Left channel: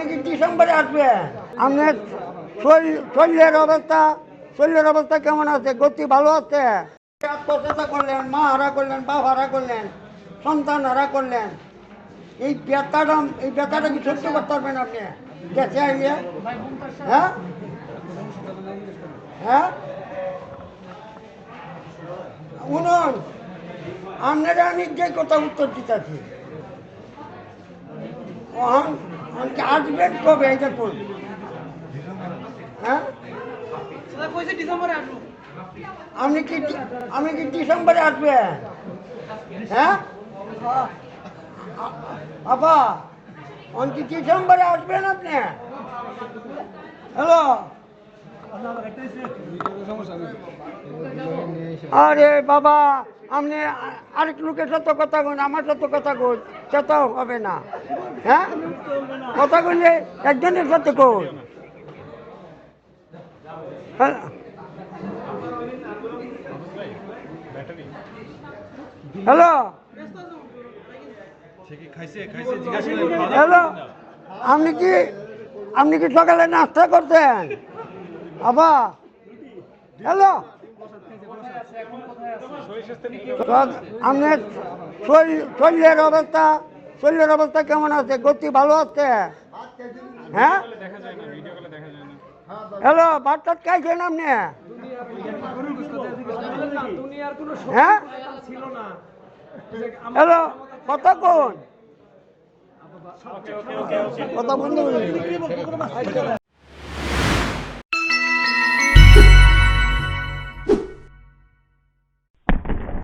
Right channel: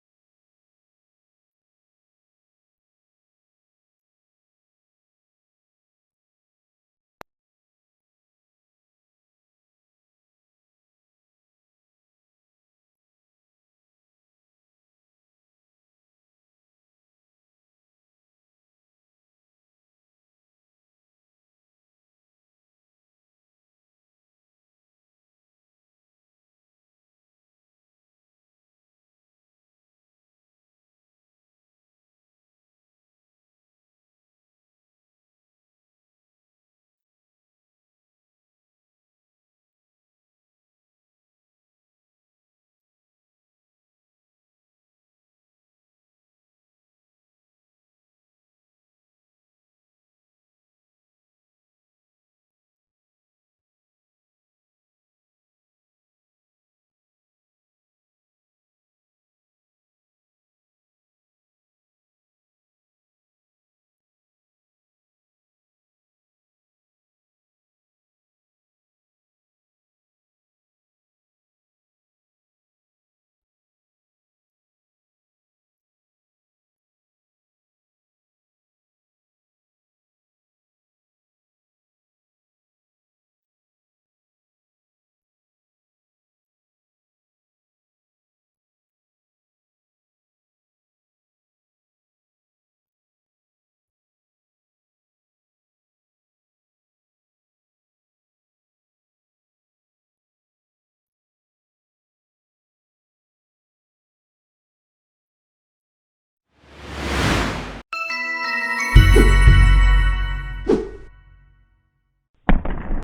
আমি কি ডিসেম্বরে আসবে আপনার শরীরের অবস্থা কেমন আছে? গতি ভালো আছে? আত্মহত্যা করলেন, মা হারা করলেন, বাপ হারা করলেন, সন্তান হারা করলেন। এই ব্যথাটা কি সহ্য করতে পারবেন আপনি গেছে আইলে? হ্যাঁ হ্যাঁ শুনুন, আপনারা আমি যে কথা উত্তর দিতেছি আসবেন কবে এটা করুন। হ্যাঁ আমি কি ডিসেম্বরে আসবেন? হ্যাঁ বাবা কি ডিসেম্বরে আসবেন আপনি? হ্যালো, আরে বাবা আপনি আরেক লোকের সাথে কথা কন, আমার সাথে কথা কন, সেটাও হবে না। হ্যাঁ কথা কইলে একজনের সাথে কন। হ্যালো হ্যালো, আপনি কি সকালে নাস্তা করছেন? বাবা হ্যালো, আপনার শরীরের অবস্থা কেমন আছে? গতি ভালো আছে? হ্যাঁ হ্যালো, ভাত টাত খাইছেন আপনি? হ্যাঁ হ্যালো, কথা কোন কথা বন্ধ করে